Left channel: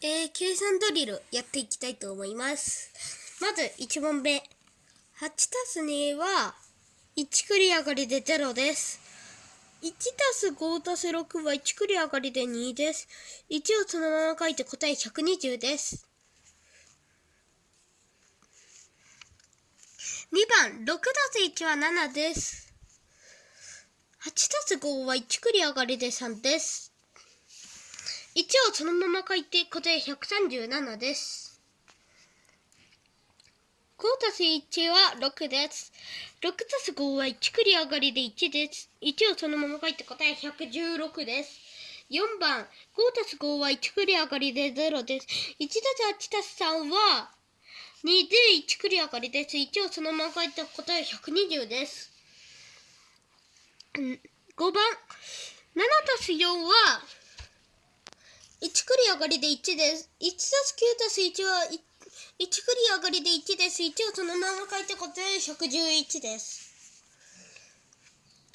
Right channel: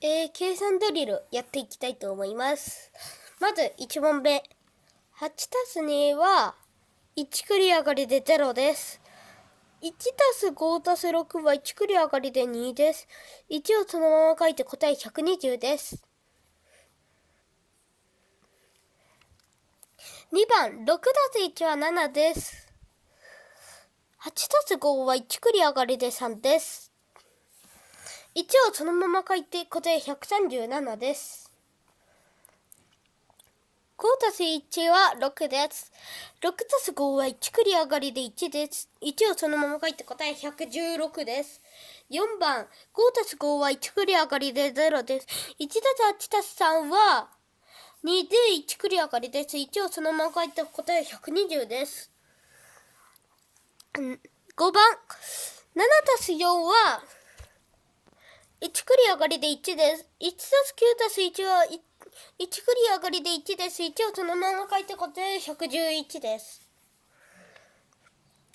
計算ドリルやっていきたいと思います。まず1問目。8たす2は1繰り上がりで0です。1たす5たす6は1繰り上がりで2です。1をそのまま書いて答え120です。2番、6たす1は7です。8たす5は1繰り上がりで3です。1をそのまま書いて答え137です。5たす1は6です。6たす5は1繰り上がりで1です。1をそのまま書いて答え116です。4番、5たす5は1繰り上がりで0です。1たす8たす3は2で1繰り上がりです。1をそのまま書いて答え120です。5番、7たす4は1繰り上がりで1です。1たす9たす1は1繰り上がりで1です。1をそのまま書いて答え111です。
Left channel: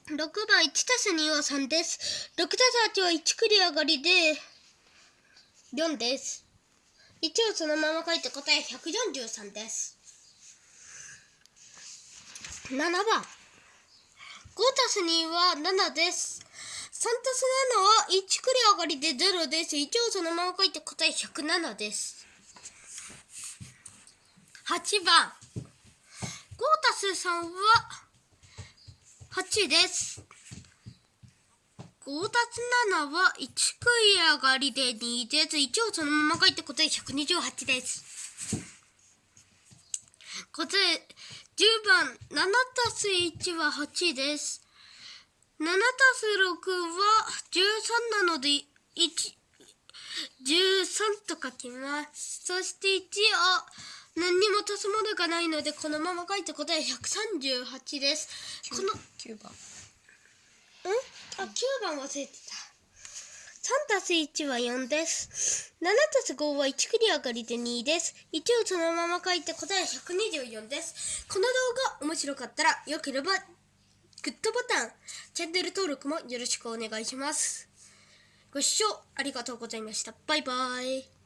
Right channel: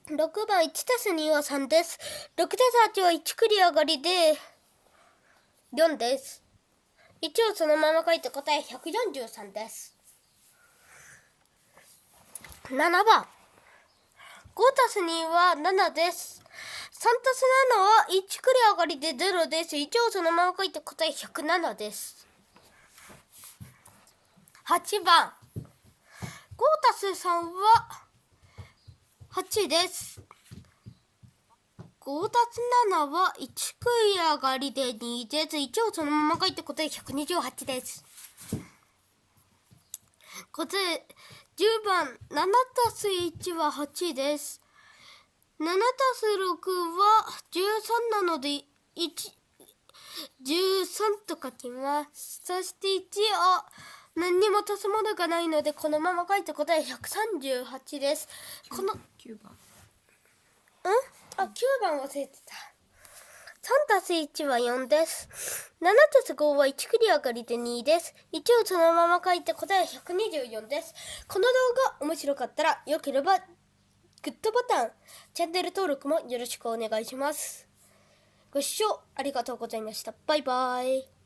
6番、1たす2は3です。6たす8は1繰り上がりで4です。1をそのまま書いて答え143です。7番、5たす2は7です。3たす7は1繰り上がりで0です。1をそのまま書いて答え107です。8番、5たす3は8です。5たす7は1繰り上がりで2です。1をそのまま書いて答え128です。答え10番、7たす1は8です。7たす6は13なので13と書きます。そして1は何にも足すものがないのでこのまま書いて答え138です。この9番。9番忘れてた。3たす1は4です。7たす5は1繰り上がりで2です。1をそのまま書いて答え124です。この動画面白かったらよければグッドボタン、チャンネル登録もよろしくお願いします。ご視聴ありがとうございました。バイバイ。